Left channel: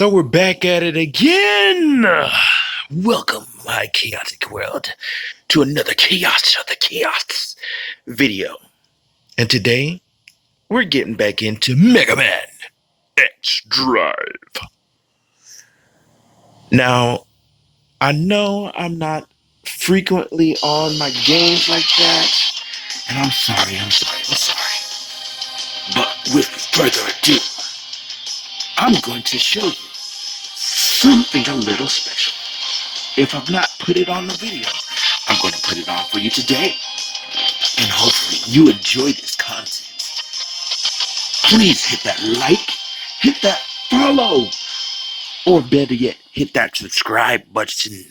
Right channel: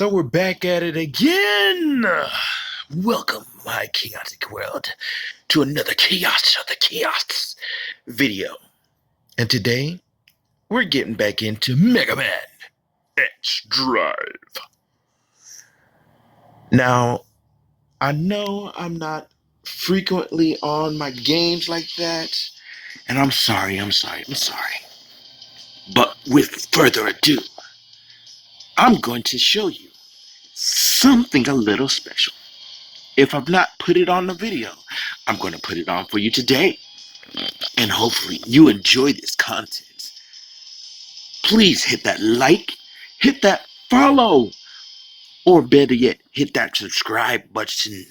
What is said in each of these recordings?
So we're back at it again. Welcome, my chaotic world, to another Chaos of the Chaos video. And today, we're getting back into Mega Man X Drive. Now, I know I'm not frequently on my games like that, and I'm sorry. But with further ado, I'm going to show you something a little special. If I've not put it on the video, I'm going to put it on for you today. And hopefully you enjoy this content. Please hit that like, hit that follow, or better yet, hit that subscribe button.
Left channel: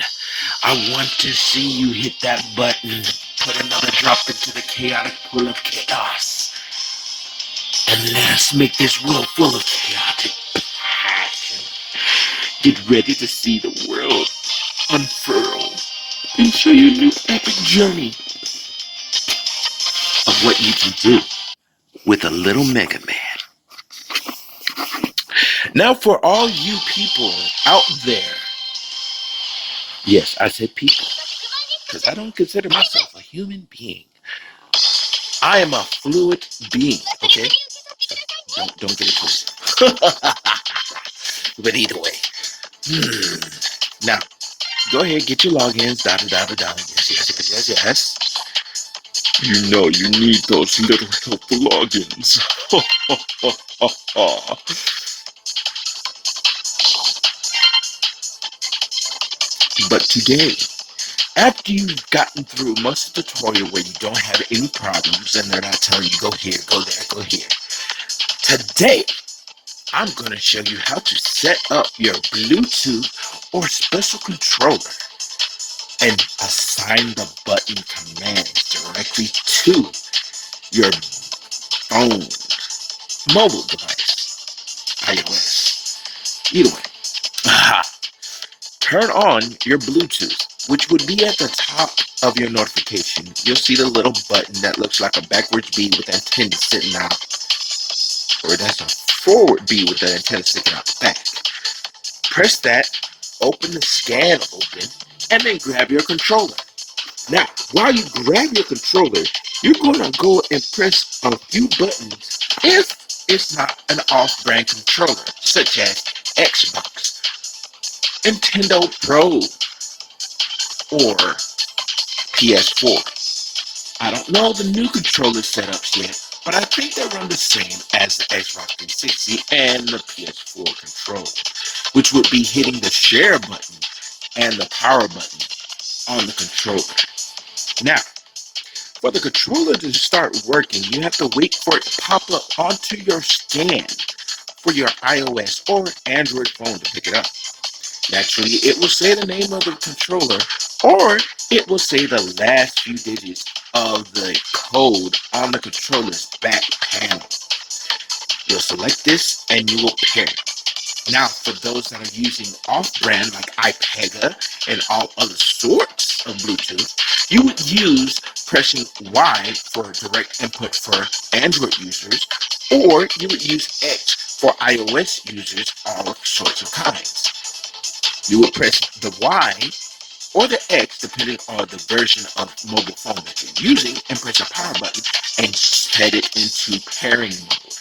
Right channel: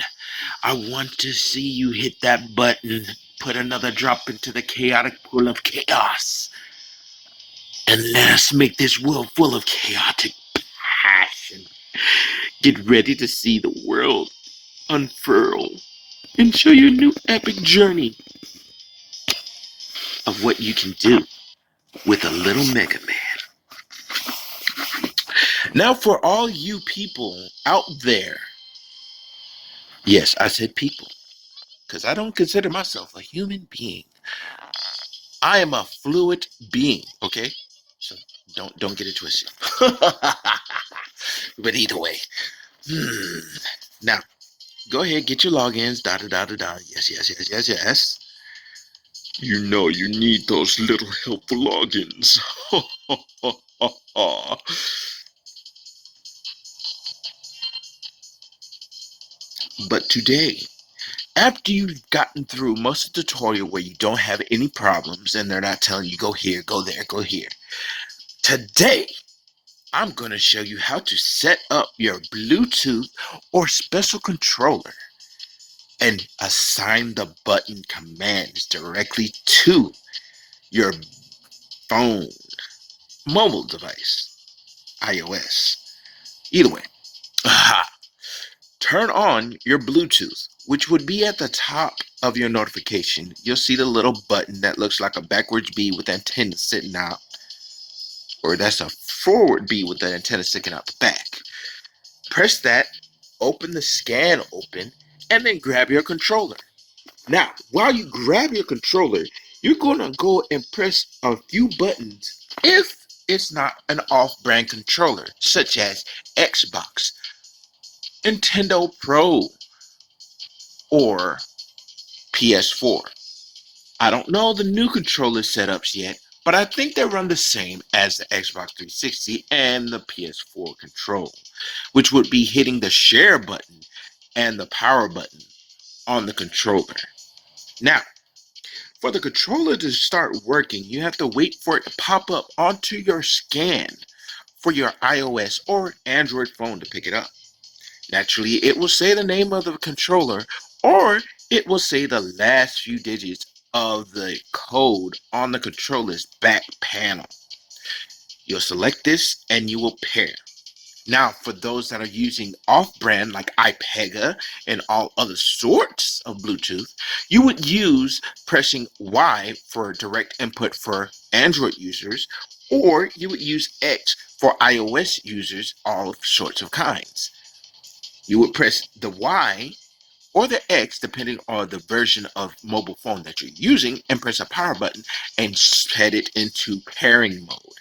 I want to see you hit that button, put another drop into the chaotic pool of chaos. And let us make this world full of chaotic passion. Get ready to see the world unfurl and show you a new epic journey of what you can do with a little Mega Man. Now for all you people out there, yes, I said people, because I don't consider myself a human being. I am a fluid being, okay? So don't get it twisted. But either way, now go ahead, get your logins, yes. You know you need those little helpful logins. But today, after you've gotten through most of the tutorial where you don't have any problems and they're not telling you go here, go there, go here, today I'm going to show you how to set up your Bluetooth or special controller and assign the button commands directly to your phone, mobile device, iOS. Either way, turn on your Bluetooth, which would be at the top of your notification. You'll see the little button that looks like a backwards B with antenna sitting out, or that's a forward B with the antenna sticking out the back. Press that, open the scan open, and then grab your controller. Now, while you grab your controller, you're going to go and press a few buttons if it's not an off-brand controller, such as Xbox, Nintendo Pro, or PS4. I don't know the new controller setups yet, but I think they run the same as the Xbox 360 and the PS4 controller, which would be hitting the share button and the power button on the controller. Now, for the controller to start working, you have to wait for it to pop up onto your scan for your iOS or Android phone to pick it up. Naturally, it will say the name of the controller, or it will say the last few digits of the code on the controller's back panel. You'll select this and you will pair. Now, for those that are using off-brand like iPega and all other sorts of Bluetooth, you would use pressing Y for direct input for Android users, or you would use X for iOS users, all sorts of kinds. You would press the Y or the X, depending on the version of mobile phone that you're using, and press a power button and set it into pairing mode.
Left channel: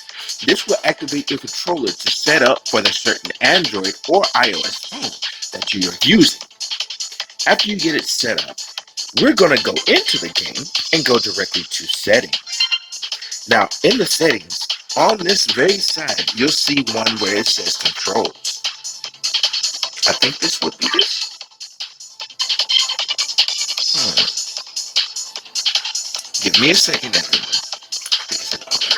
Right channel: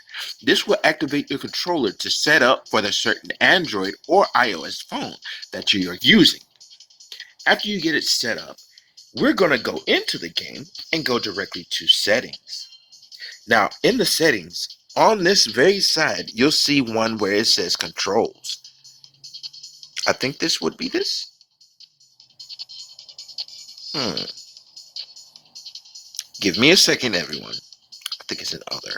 This will activate your controller to set up for the certain Android or iOS phone that you are using. After you get it set up, we're going to go into the game and go directly to settings. Now, in the settings, on this very side, you'll see one where it says controls. I think this would be this. Give me a second, everyone. I think it's an other.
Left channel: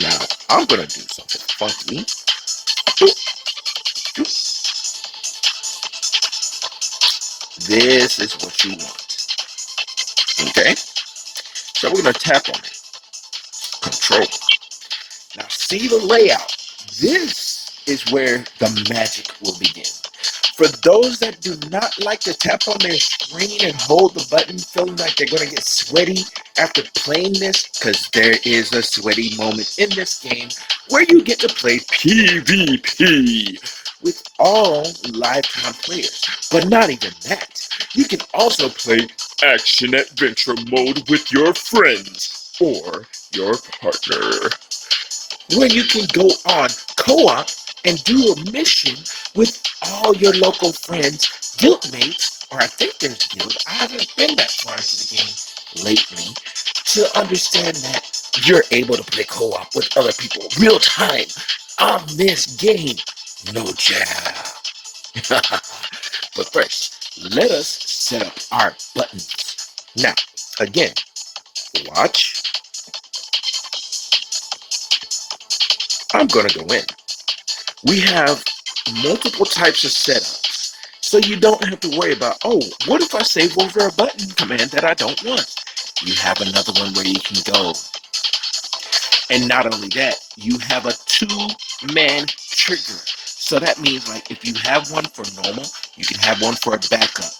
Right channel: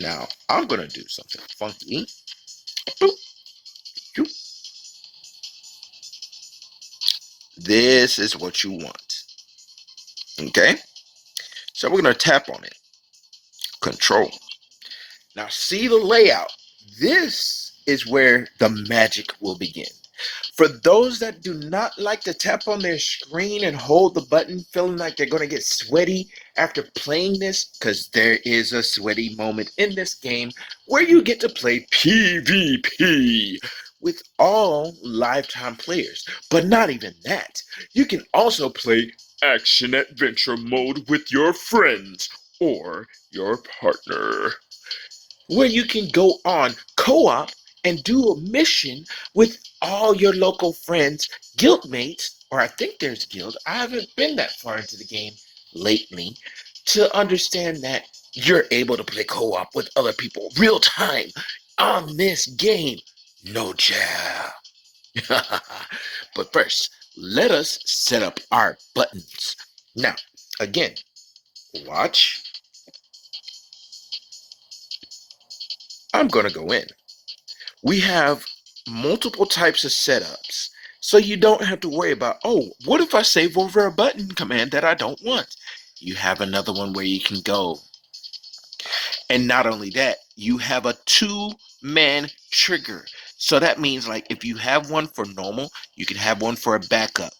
Now, I'm going to do something funky. This is what you want. Okay? So we're going to tap on it. Control. Now, see the layout. This is where the magic will begin. For those that do not like to tap on their screen and hold the button, feeling like they're going to get sweaty after playing this, because there is a sweaty moment in this game where you get to play PvP with all lifetime players. But not even that. You can also play action adventure mode with your friends or your partner, where you can go on co-op and do a mission with all your local friends, guildmates, or I think there's guild. I haven't been that far into the game lately to understand that you're able to play co-op with other people real time on this game. No job. But first, let us set up our buttons. Now, again, watch. I'm gonna go in. We have multiple types of setups, so you don't have to worry about, oh, what if I save over a button command that I don't want? You have another one where you can go. And not only that, you have a two-man trigger. So that means, like, if you have one for normal, you can have one for a backup.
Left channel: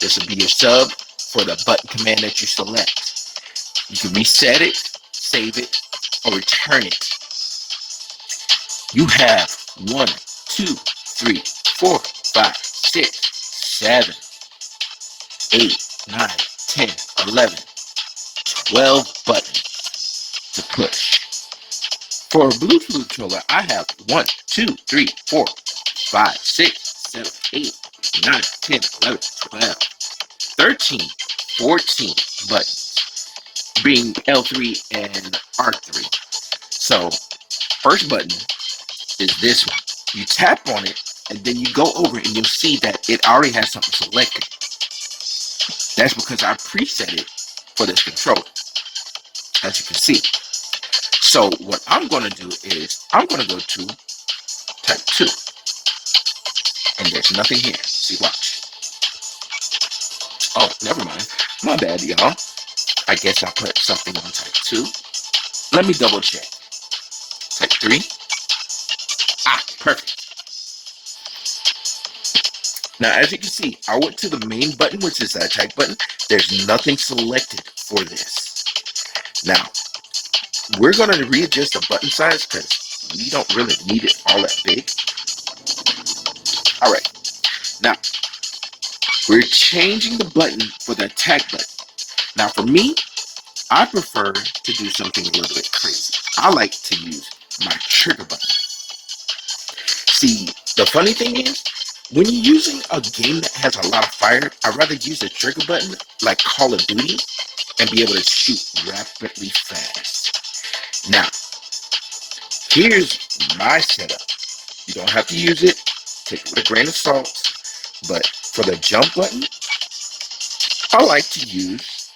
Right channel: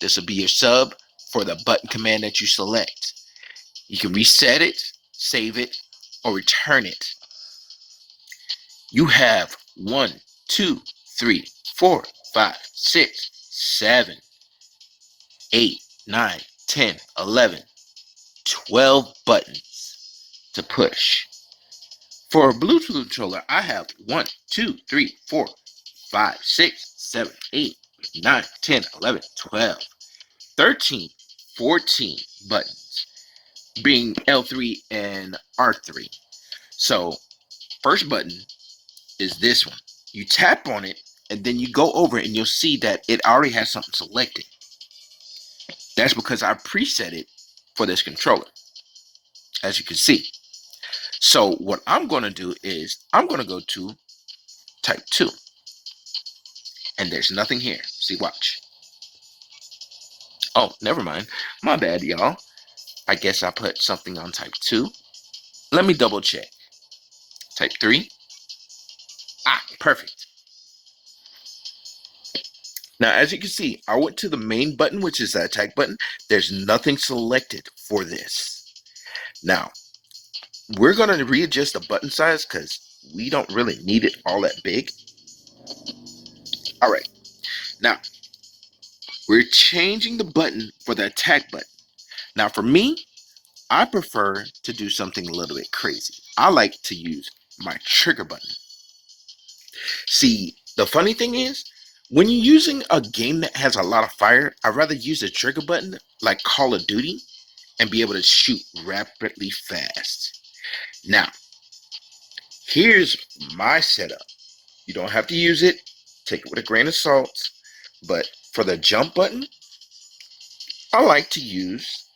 This will be your sub for the button command that you select. You can reset it, save it, or return it. You have 1, 2, 3, 4, 5, 6, 7, 8, 9, 10, 11, 12 buttons to push. For a Bluetooth controller, I have 1, 2, 3, 4, 5, 6, 7, 8, 9, 10, 11, 12, 13, 14 buttons, being L3 and R3. So, first button is this one. You tap on it, and then you go over it, and you'll see that it already has something selected. That's because I preset it for this controller, as you can see. So what I'm going to do is I'm going to go to type 2, and there's nothing here. See, watch. Oh, never mind. My bad, y'all. I guess I put something on type 2. Let me double check. Type 3. Ah, perfect. Now, as you can see, I went to the main button, which is that attack button. There's nothing selected for this. Now, we're going to readjust the button size because we don't really need it all that big. All right. Now, we're changing the button for the attack button. Now, for me, I prefer to do something a little bit crazy. I like to use my trigger button. See, the funny thing is, when you're using a game that has a lot of fire, I'd rather use a trigger button like Call of Duty and be able to shoot rapidly fast. Now, here's my setup. You don't have to use it. Take it with a grain of salt. But for the jump button, I like to use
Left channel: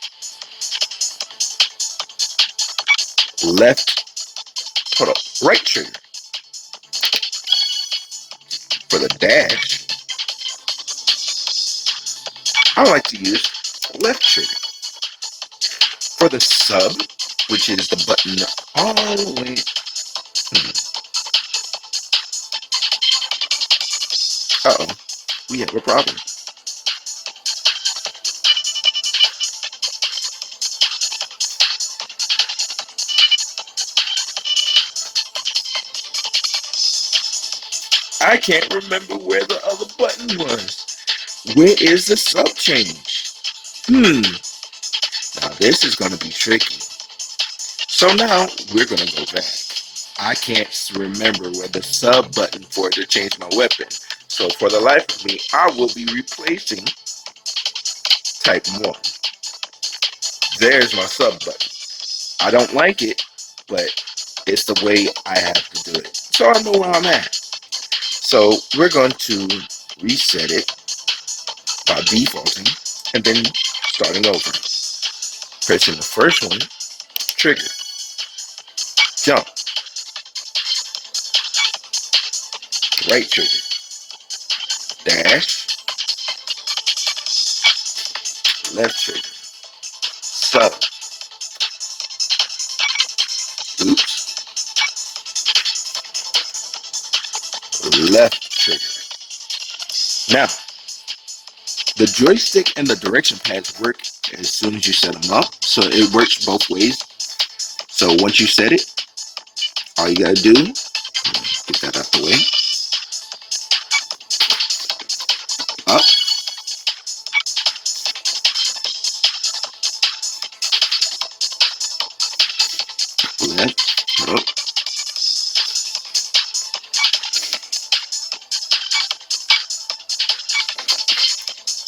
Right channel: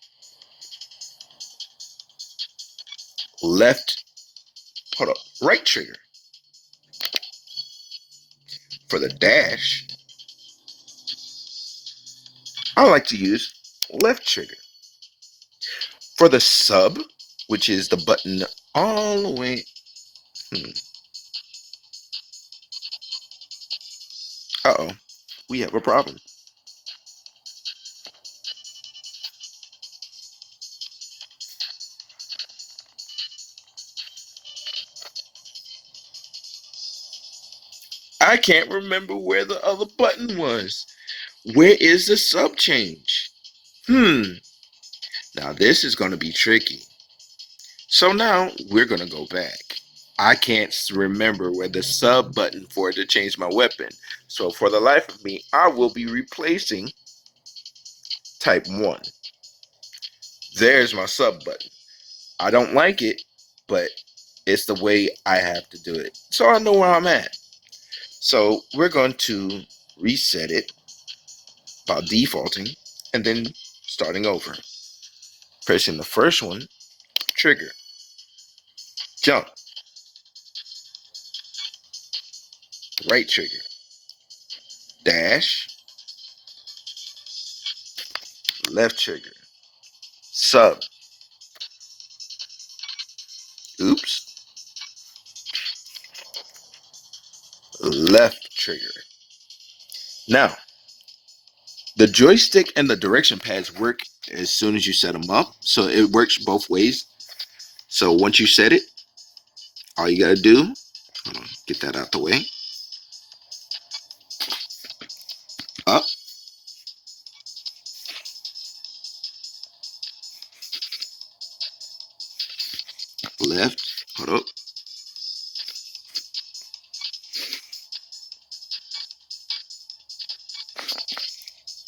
right trigger. For the dash, I like to use left trigger. For the sub, which is the button all the way, uh-oh, we have a problem. I can't remember where the other button was. Where is the sub change? Now this is going to be tricky. So now we're going to go back. I can't remember where the sub button for it to change my weapon. So for the life of me, I will be replacing type 1. There's my sub button. I don't like it, but it's the way I have to do it. So I know where I'm at. So we're going to reset it by defaulting and then starting over. Pressing the first one, trigger, jump, right trigger, dash, left trigger, sub, oops, left trigger, Now, the joystick and the direction pads work as soon as you set them up, so it works both ways. So once you set it, all you gotta do, get that out the way, up, left, up.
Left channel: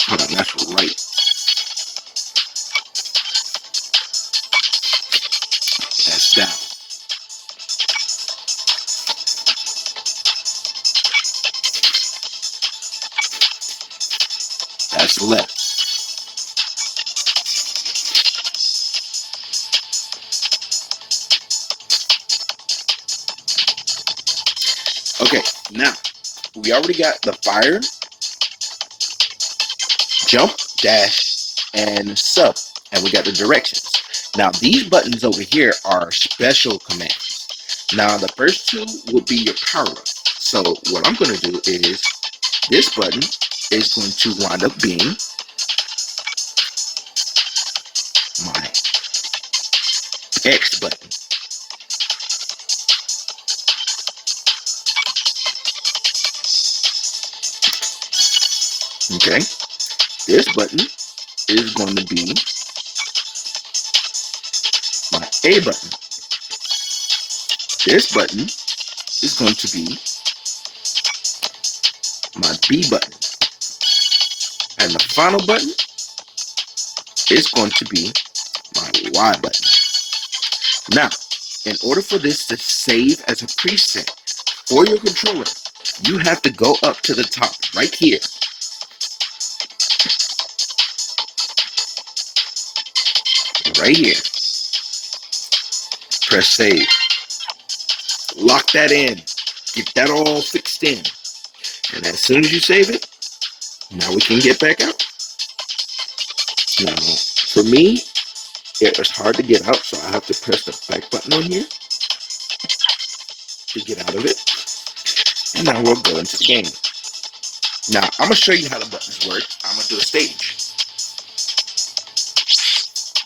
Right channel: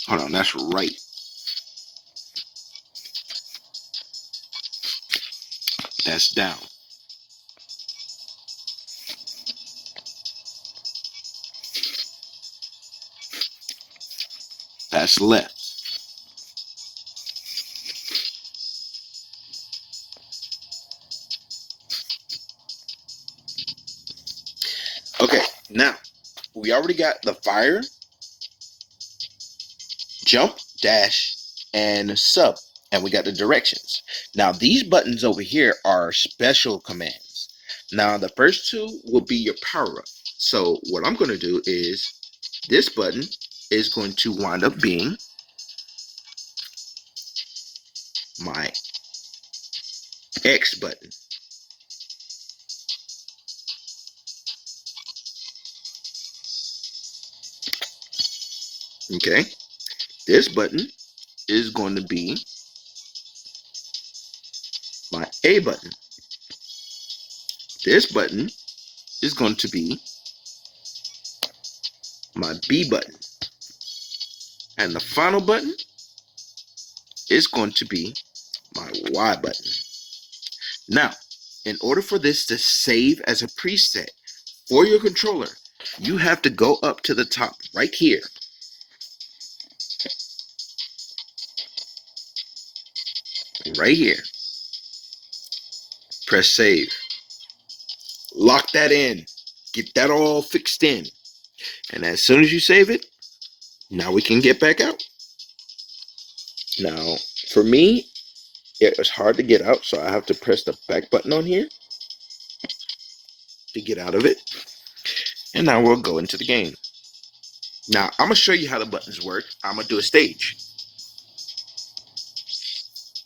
Hold on, that's right. That's down. That's left. Okay, now we already got the fire, jump, dash, and sub, and we got the directions. Now these buttons over here are special commands. Now the first two will be your power up. So what I'm going to do is this button is going to wind up being my X button. Okay, this button is going to be my A button. This button is going to be my B button. And the final button is going to be my Y button. Now, in order for this to save as a preset for your controller, you have to go up to the top right here. Right here. Press save. Lock that in. Get that all fixed in. And as soon as you save it, now we can get back out. Now, for me, it was hard to get out, so I have to press the back button on here to get out of it. And now we'll go into the game. Now, I'm going to show you how the buttons work. I'm going to do a stage.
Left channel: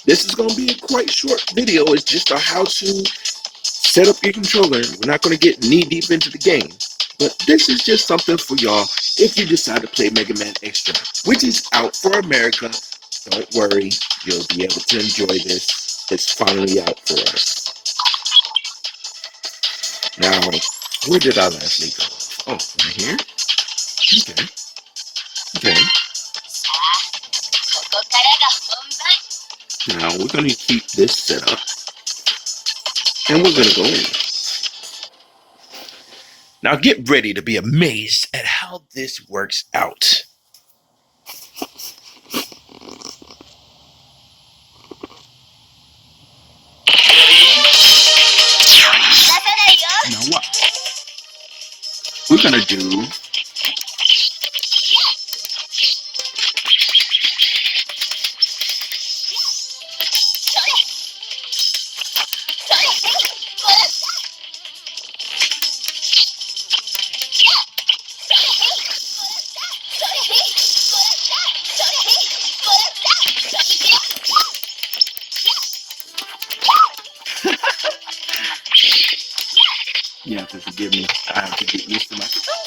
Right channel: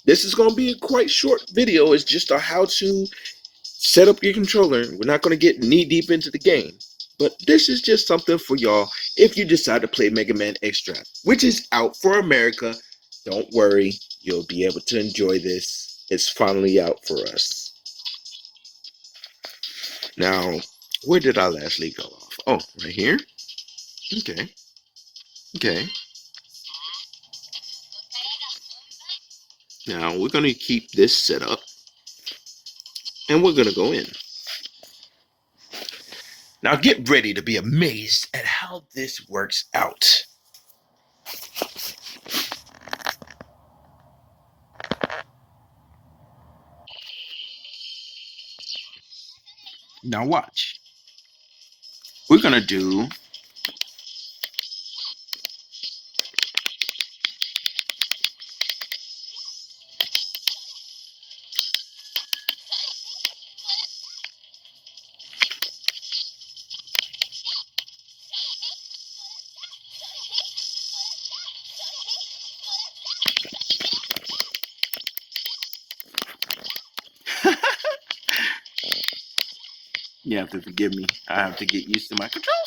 This is going to be a quite short video. It's just on how to set up your controller. We're not going to get knee deep into the game. But this is just something for y'all if you decide to play Mega Man X Dive, which is out for America. Don't worry, you'll be able to enjoy this. It's finally out for us. Now, where did I last leave off? Oh, right here? Okay. Okay. Now, we're going to keep this set up. And we're going to go in. Now, get ready to be amazed at how this works out. Now watch. We're gonna do you have to forgive me. I have to get used to my controls.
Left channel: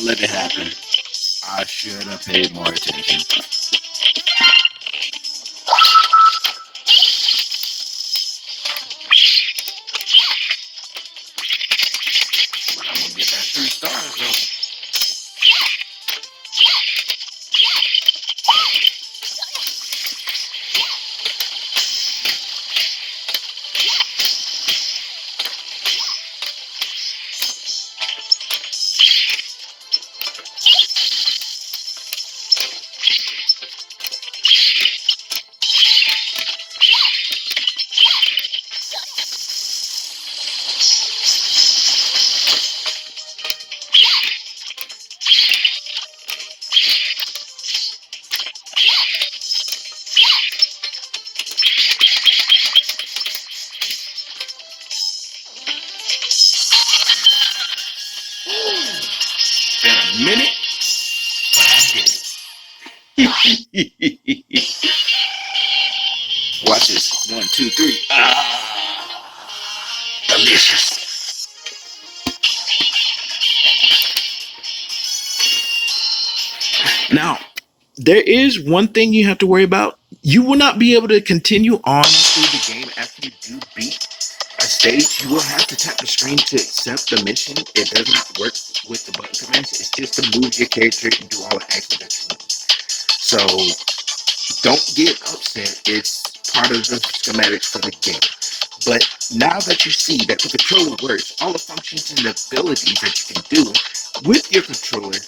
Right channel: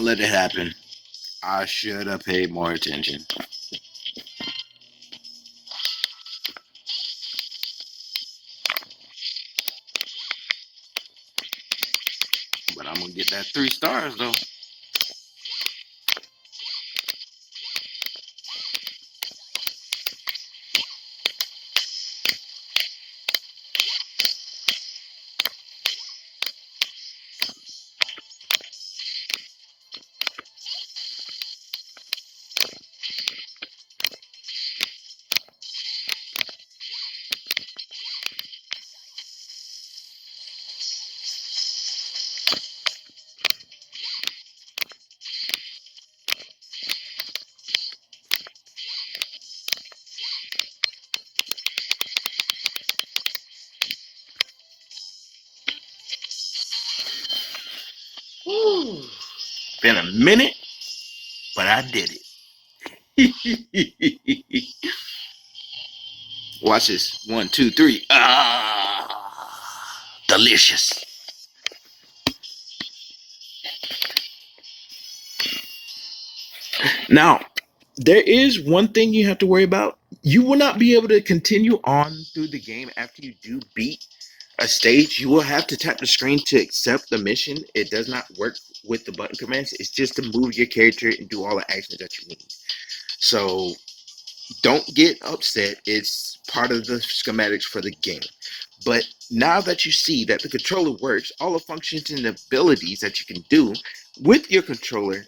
I'll let it happen. I should have paid more attention. But I'm gonna get that 3 stars though. Been a minute, but I did it. Watch this. 1, 2, 3. Ah, delicious. Now, there is one thing you have to worry about. You will not be able to continue on through the game after you do beat a stage. You will have to tap the screen to accept the mission. It does not work with the button commands. It's just to move your character and do all the actions that you need. So don't get upset. It's part of the schematics for the game. But now that you see that the controller works, all the functions and abilities that you can do with your controller,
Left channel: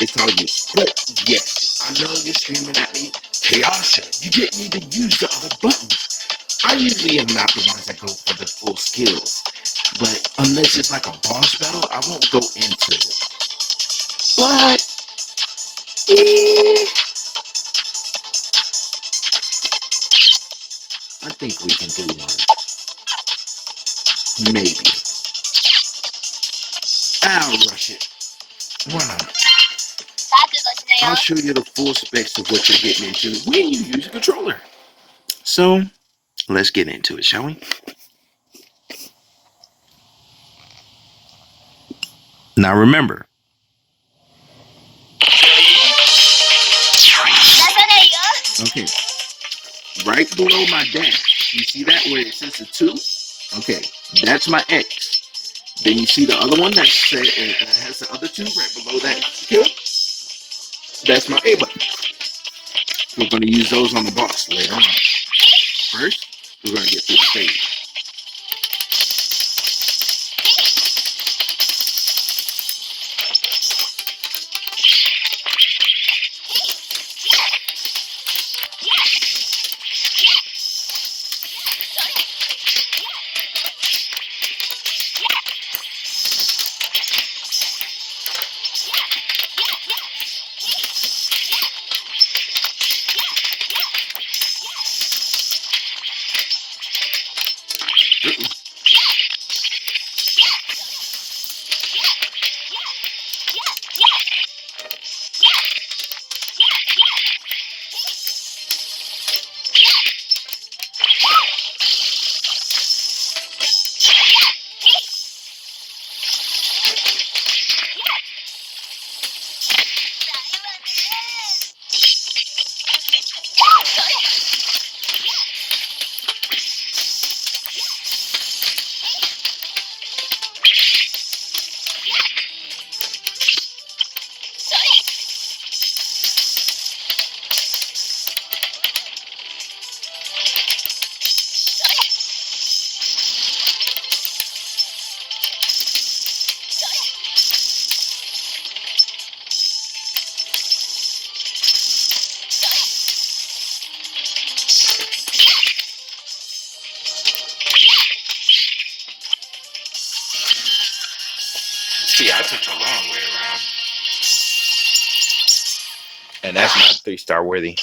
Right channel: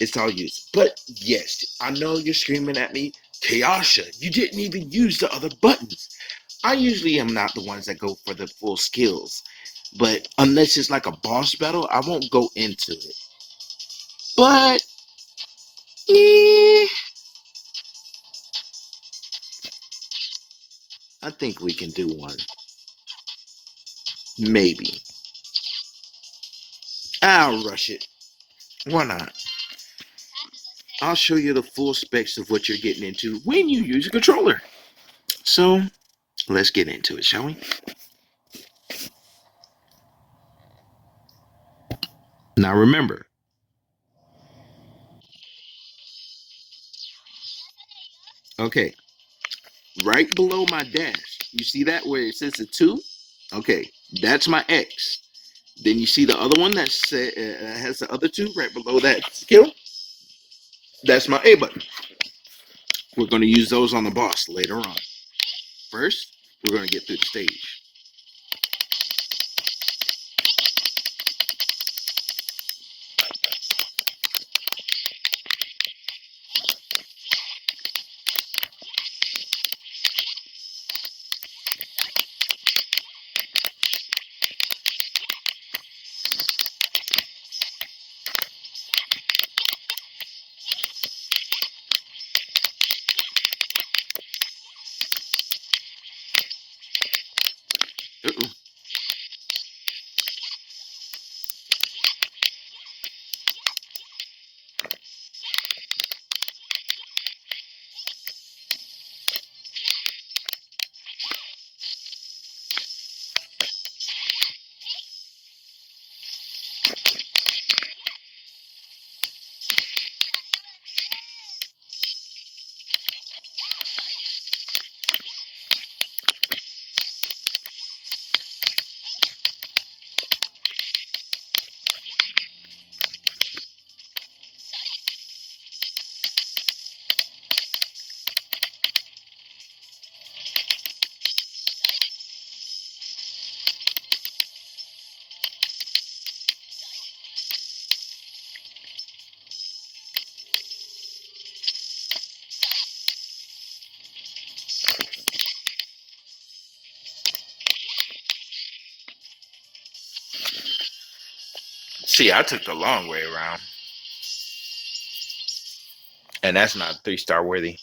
it's all used. But yes, I know you're screaming at me, Kayasha, you didn't even use the other buttons. I usually am not the ones that go for the full skills. But unless it's like a boss battle, I won't go into it. But I think we can do one. Maybe. I'll rush it. Why not? I'll show you the full specs of what you're getting into when you use a controller. So, let's get into it, shall we? Now remember, okay, right below my dash, you see that where it says a 2? Okay, that's my X. Then you see the other one that has the other 2 right below that kill? That's my A button. We're going to use those on the boss later on. First, we're going to get through the stage. Uh-oh. See, I took the long way around. And that's not 3-star worthy.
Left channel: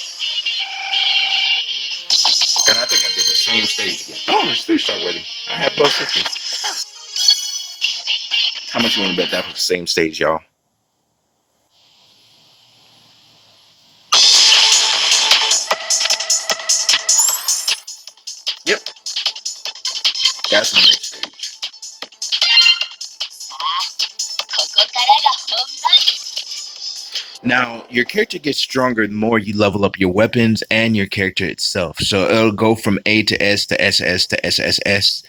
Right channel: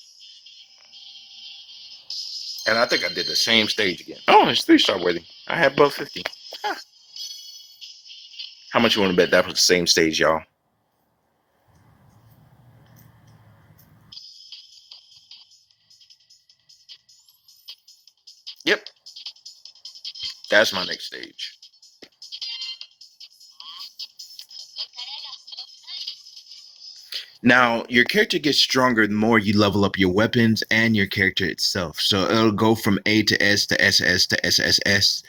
And I think I did the same stage again. Oh, it's 3-star worthy. I had both systems. How much you want to bet that was the same stage, y'all? Yep. That's my next stage. Now, your character gets stronger the more you level up your weapons and your character itself. So it'll go from A to S to SS to SSS,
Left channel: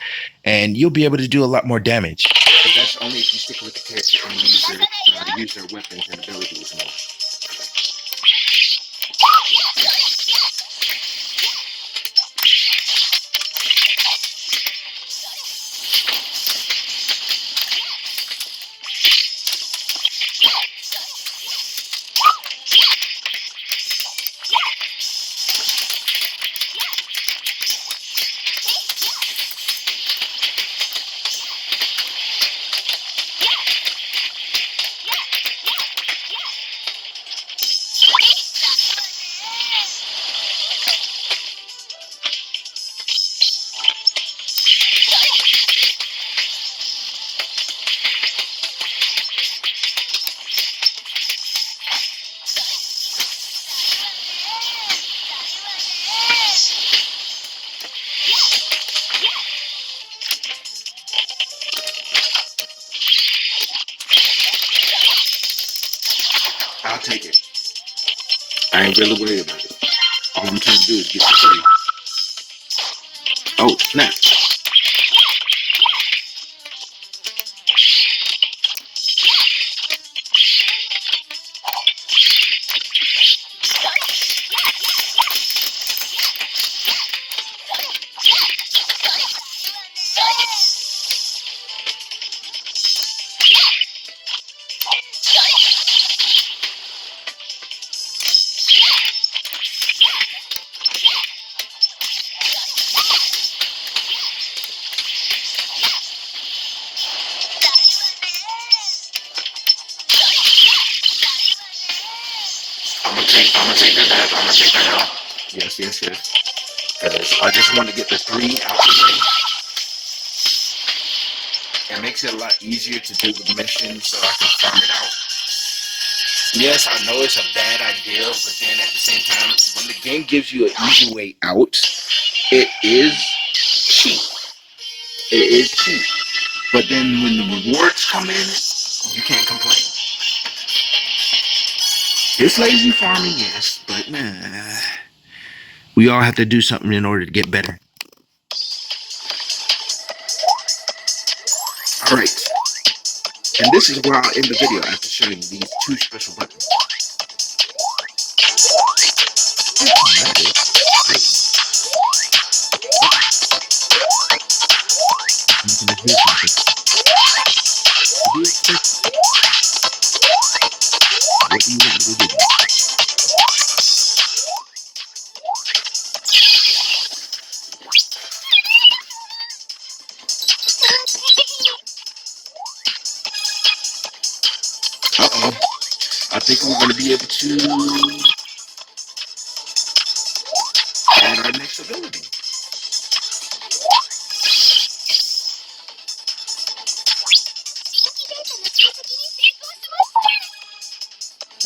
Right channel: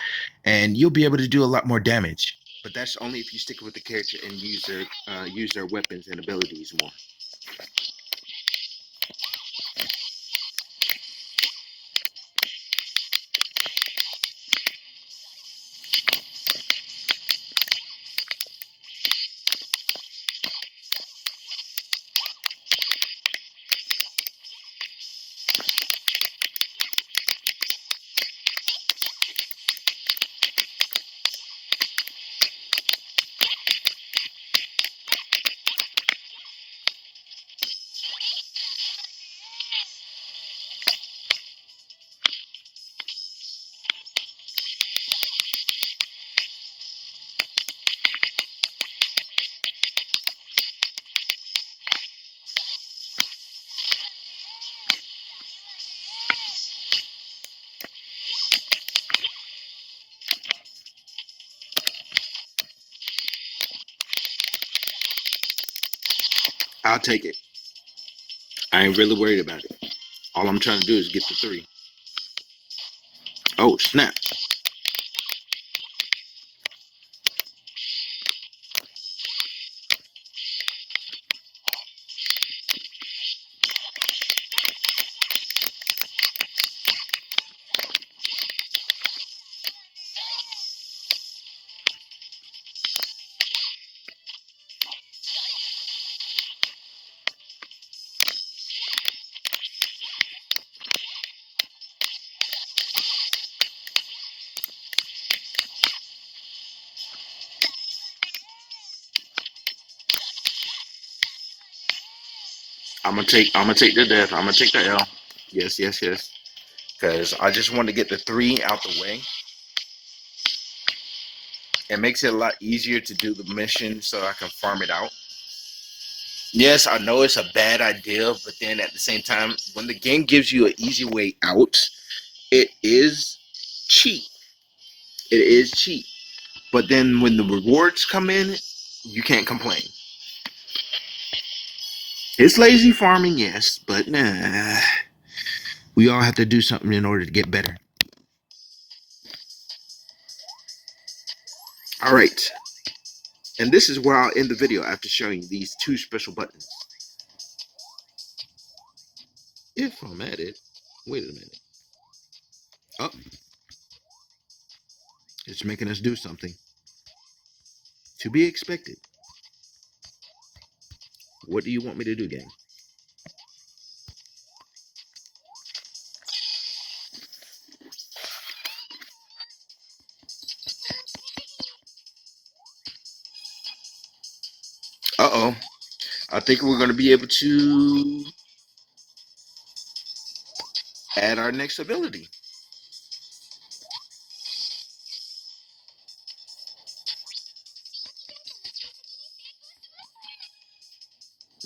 and you'll be able to do a lot more damage. But that's only if you stick with the character and use their weapons and abilities more. I'll take it. I ain't really worried about it. All I'm trying to do is get the 3. Oh, snap. I'm gonna take the death. I'm gonna take the L. Yes. Because I just want to get the 3 out the way. It makes it a lot easier to do the mission so I can farm it out. Yes, I know it's a bad idea, but then at the same time, when the game gives you an easy way out, it is cheap. It is cheap. But then when the rewards come in, you can't complain. It's lazy farming, yes, but nah. We all have to do something in order to get better. All right. And this is where I'll end the video after showing these 2 special buttons. It's making us do something. To be expected. What do you want me to do then? Uh-oh. I think we're going to be able to add our next ability.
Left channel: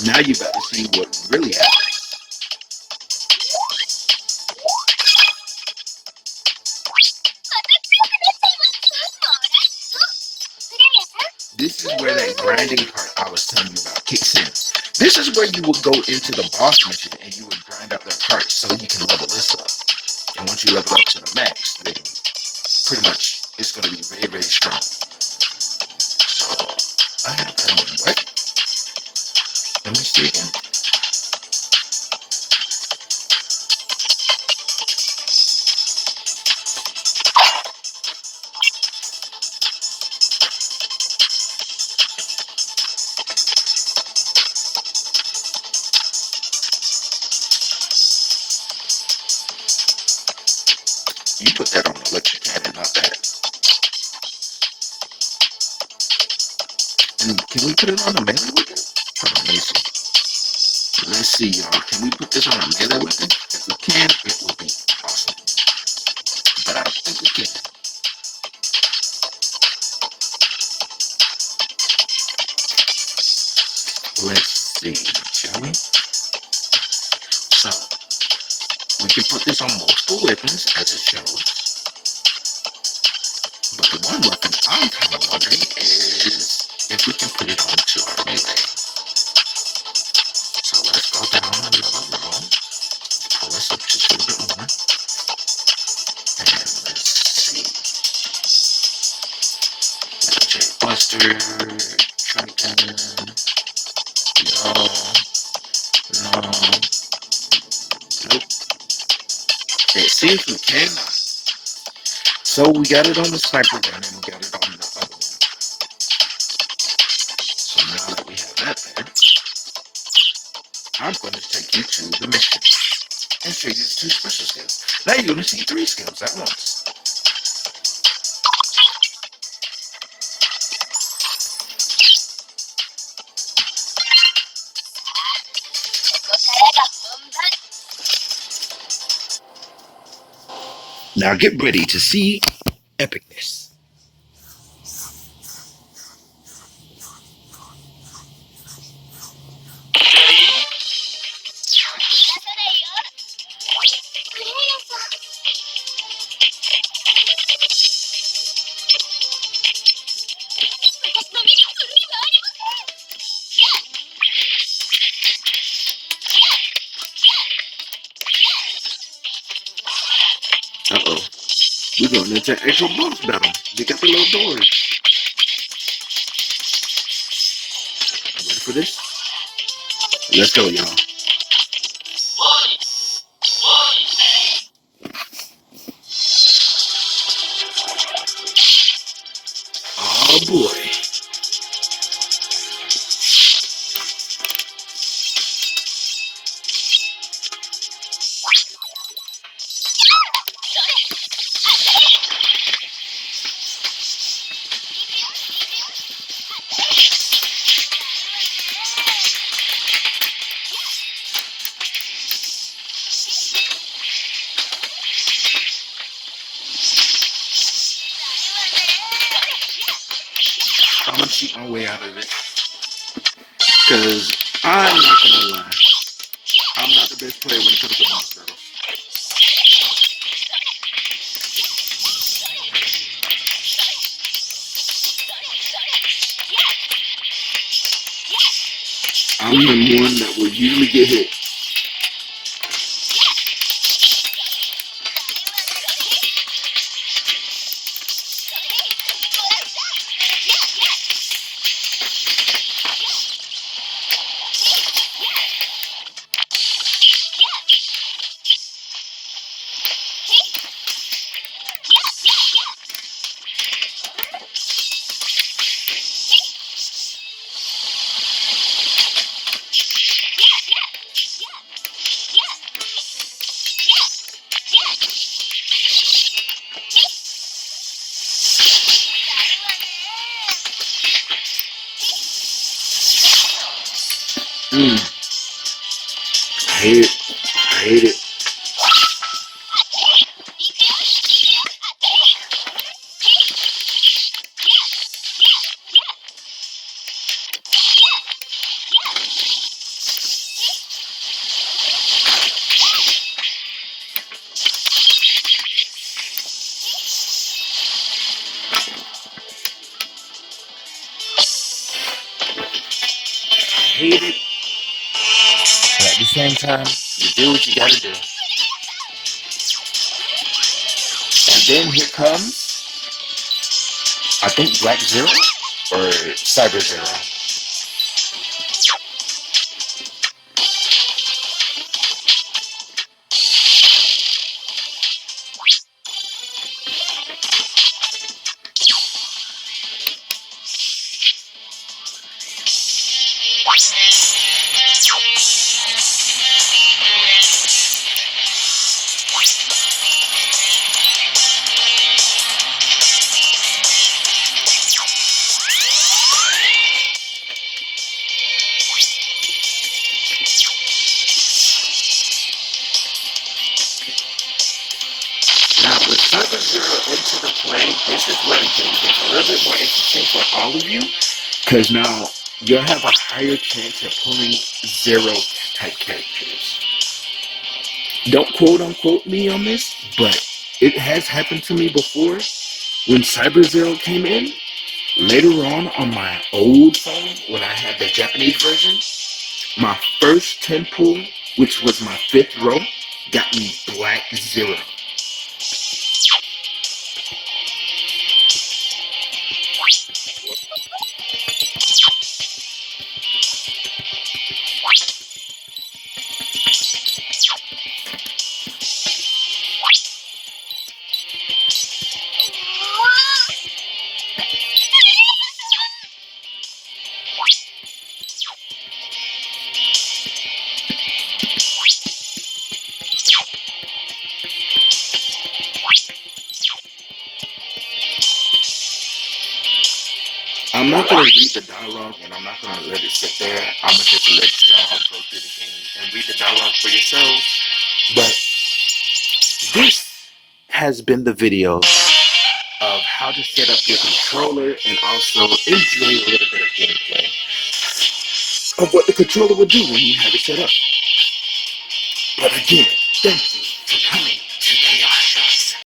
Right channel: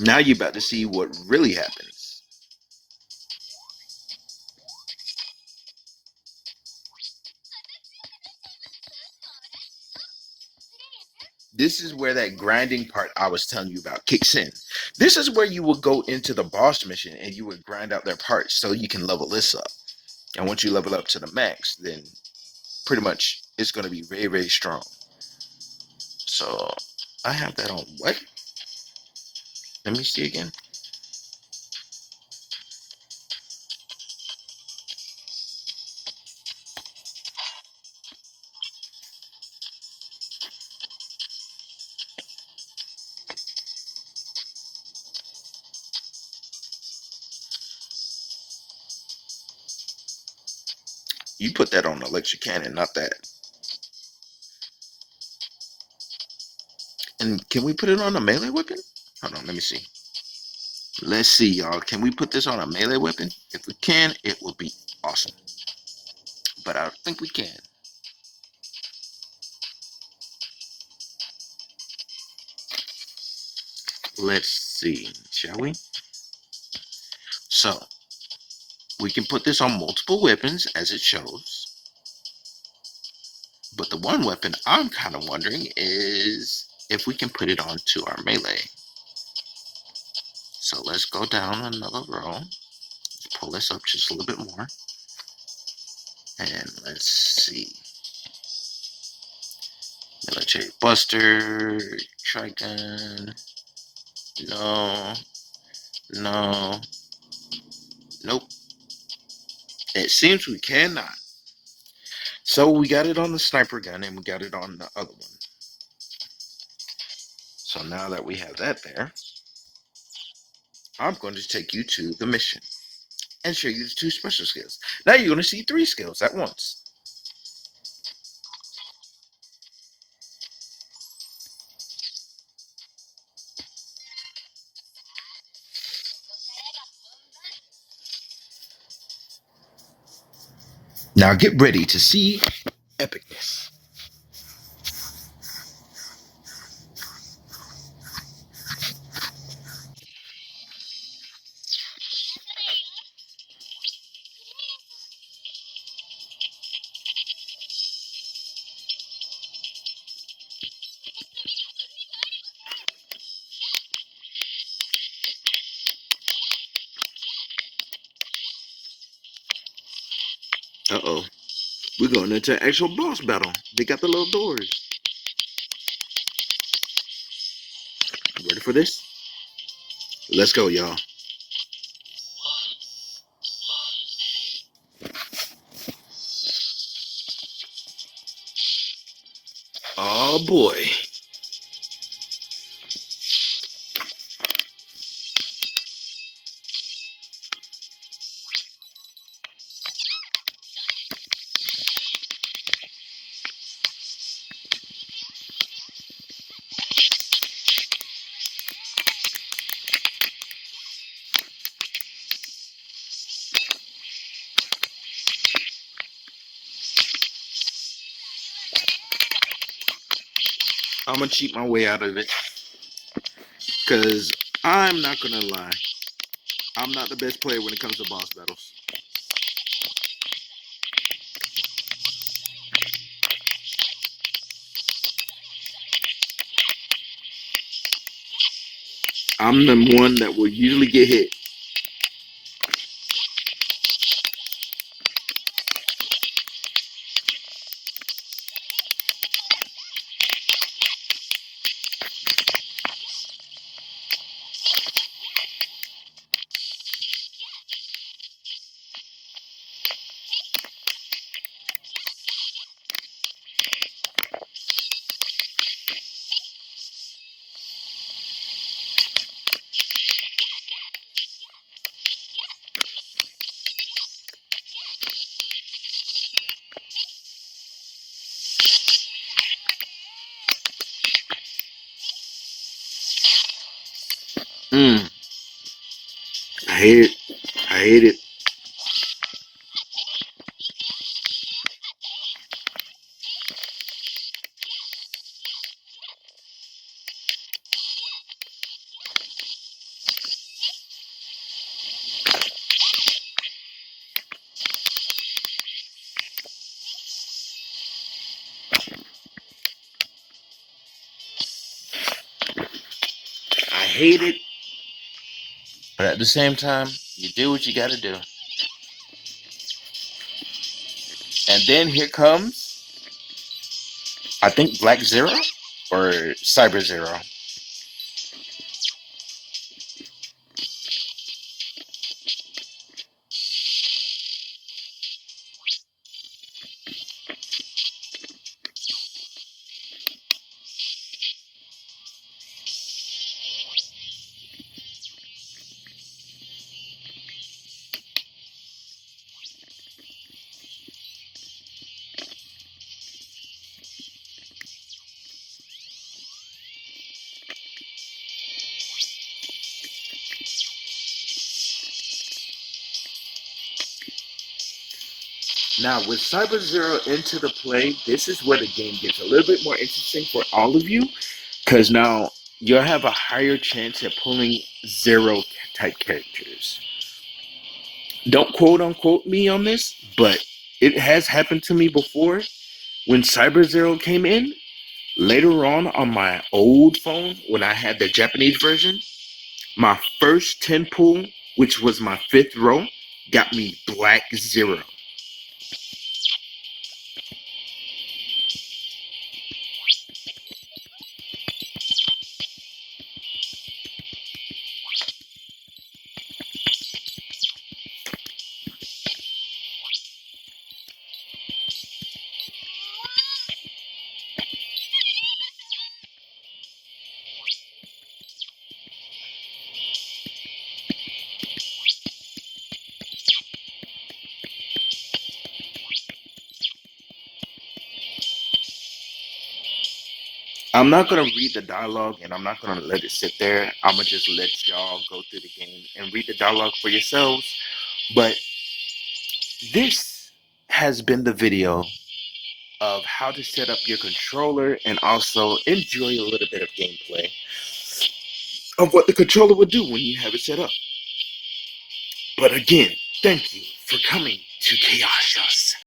Now you're about to see what really happened. This is where that grinding part I was telling you about kicks in. This is where you would go into the boss mission and you would grind out their parts so you can level this up. And once you level up to the max, then pretty much it's going to be very, very strong. So I have that on what? Let me see again. You put that on the electric cannon, not that. And can we put it on a melee weapon? Hold on, let me see. Let's see, y'all. Can we put this on a melee weapon? If we can, it would be awesome. But I don't think we can. Let's see, shall we? So, we can put this on multiple weapons, as it shows. But the one weapon I'm kind of wondering is if we can put it onto our melee. another row. Pull this up just a little bit more. And let's see. J Buster, Triton. No. Nope. It seems we cannot. So we got it on the sniper gun and we got it on the other one. So now that we have that there, I'm going to take you to the mission and show you the 2 special skills. Now you're going to see 3 skills at once. Now get ready to see epicness. Uh-oh. We're going into an actual boss battle. They got the little doors. Ready for this? Let's go, y'all. Oh boy. I'm gonna cheat my way out of it. Because I'm not gonna lie. I'm not the best player when it comes to boss battles. I'm the one that will usually get hit. I hate it. I hate it. I hate it. But at the same time, you do what you gotta do. And then here comes, I think, Black Zero or Cyber Zero. Now, with Cyber Zero into the play, this is where the game gets a little bit more interesting for all of you, because now you'll have a higher chance at pulling Zero type characters. Don't quote unquote me on this, but it has happened to me before. When Cyber Zero came in, later on my old phone, when I had the Japanese version, my first 10 pull which was my 5th row, got me black 0. I'm not going to read the dialogue, and I'm not going to let it sit there. I'm going to just let y'all go through the game and read the dialogue for yourselves. But this has been the video of how to set up your controller and also enjoy a little bit of gameplay of what the controller will do when you have it set up. But again, thank you for coming